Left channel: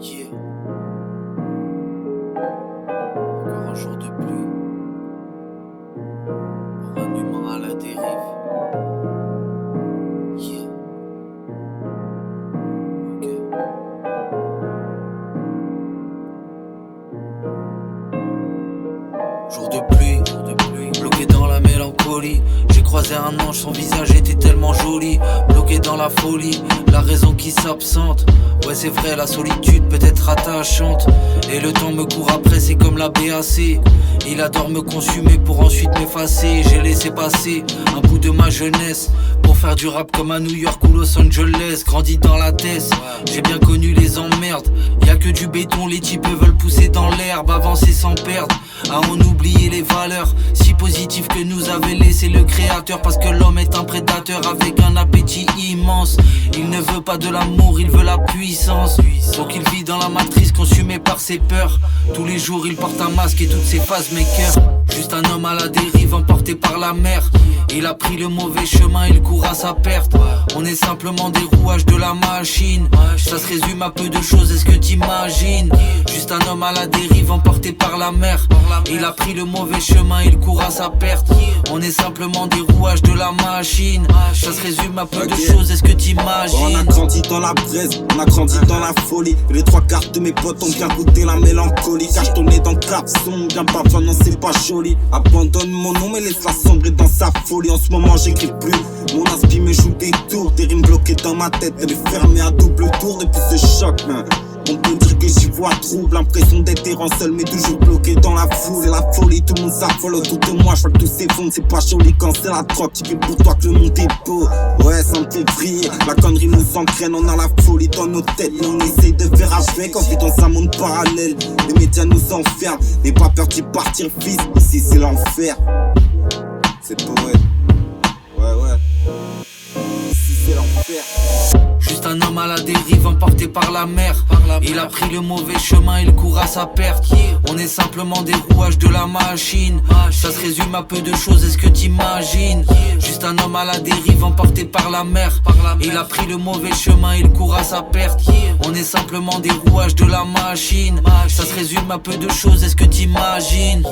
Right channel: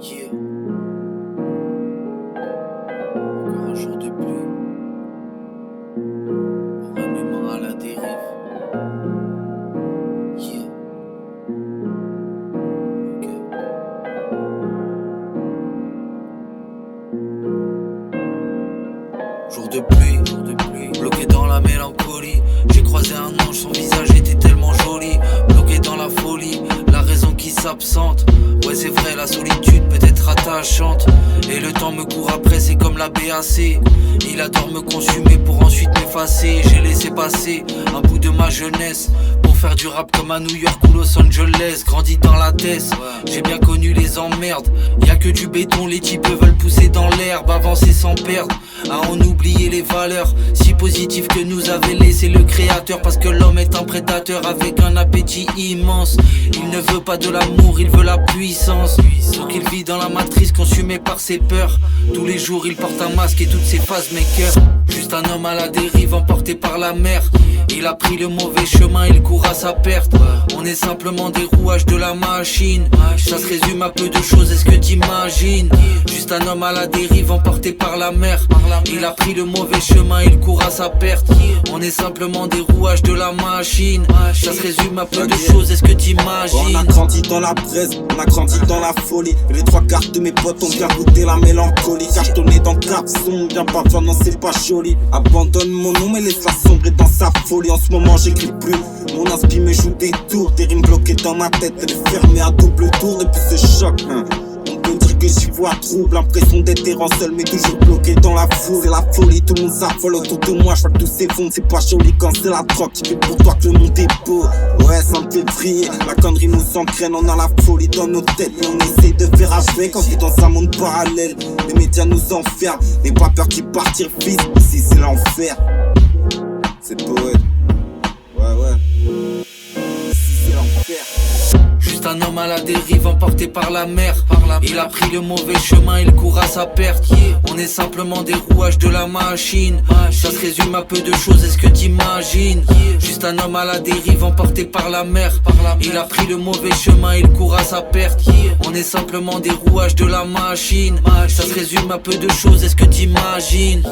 Yeah. Encore un jour de pluie pour un humain à la dérive. Yeah. Ok. Jour de pluie, bloqué dans la mélancolie. J'ai croisé un ange, son visage était tellement joli. Bloqué dans la folie, la raison qui s'absente. Ouais c'est vrai, la solitude peut être attachante. Et le temps me court après, c'est comme la BAC. Il adore me consumer pour ensuite m'effacer. J'ai laissé passer un bout de ma jeunesse pour faire du rap comme à New York ou Los Angeles. Grandi dans la tête, j'ai bien connu les emmerdes. Y'a que du béton, les types veulent pousser dans l'herbe, avancer sans perdre. À en oublier les valeurs si positives que nous avait laissé le créateur. Parce que l'homme est un prédateur avec un appétit immense. Il ne veut pas de l'amour, il veut la puissance. Donc il vit dans la matrice consumé par ses peurs. Tous les jours il porte un masque et toutes ses phases makers. Juste un homme à la dérive emporté par la mer. Il a pris le mauvais chemin, il court à sa perte. On est simplement des rouages de la machine. Ça se résume à peu de choses, est-ce que t'imagines? Juste un homme à la dérive emporté par la mer. Il a pris le mauvais chemin, il court à sa perte. On est simplement des rouages de la machine. Ça se résume à peu de choses, est-ce que t'imagines? On a grandi dans la braise, on a grandi dans la folie. Et les trois quarts de mes potes ont bien goûté la mélancolie. Cartonné dans cap sombre, bien parfois non c'est pas joli. Abandonne mon nom mais laisse-la sombrer dans sa folie. En ce moment j'écris plus, mon inspi me joue des tours. Des rimes bloquées dans ma tête, elle est fermée à double tour depuis ce choc. On peut dire que j'y vois trouble, l'impression d'être errant seul mais toujours bloqué dans la foule. C'est la folie, tout le monde s'affole autour de moi, je vois que tout s'effondre. C'est pas joli quand c'est la drogue qui fait pour toi que le monde est beau. Ouais ça me fait vriller, la connerie nous engraine. On a la folie dans nos têtes mais on essaie de faire avec. On vit dans un monde parallèle, les médias nous enferment. N'aie pas peur d'y partir fils, ici c'est l'enfer. C'est poète, ouais ici c'est l'enfer. Juste un homme à la dérive emporté par la mer. Il a pris le mauvais chemin, il court à sa perte. On est simplement des rouages de la machine. Ça se résume à peu de choses, est-ce que t'imagines? Juste un homme à la dérive emporté par la mer. Il a pris le mauvais chemin, il court à sa perte. On est simplement des rouages de la machine. Ça se résume à peu de choses, est-ce que t'imagines?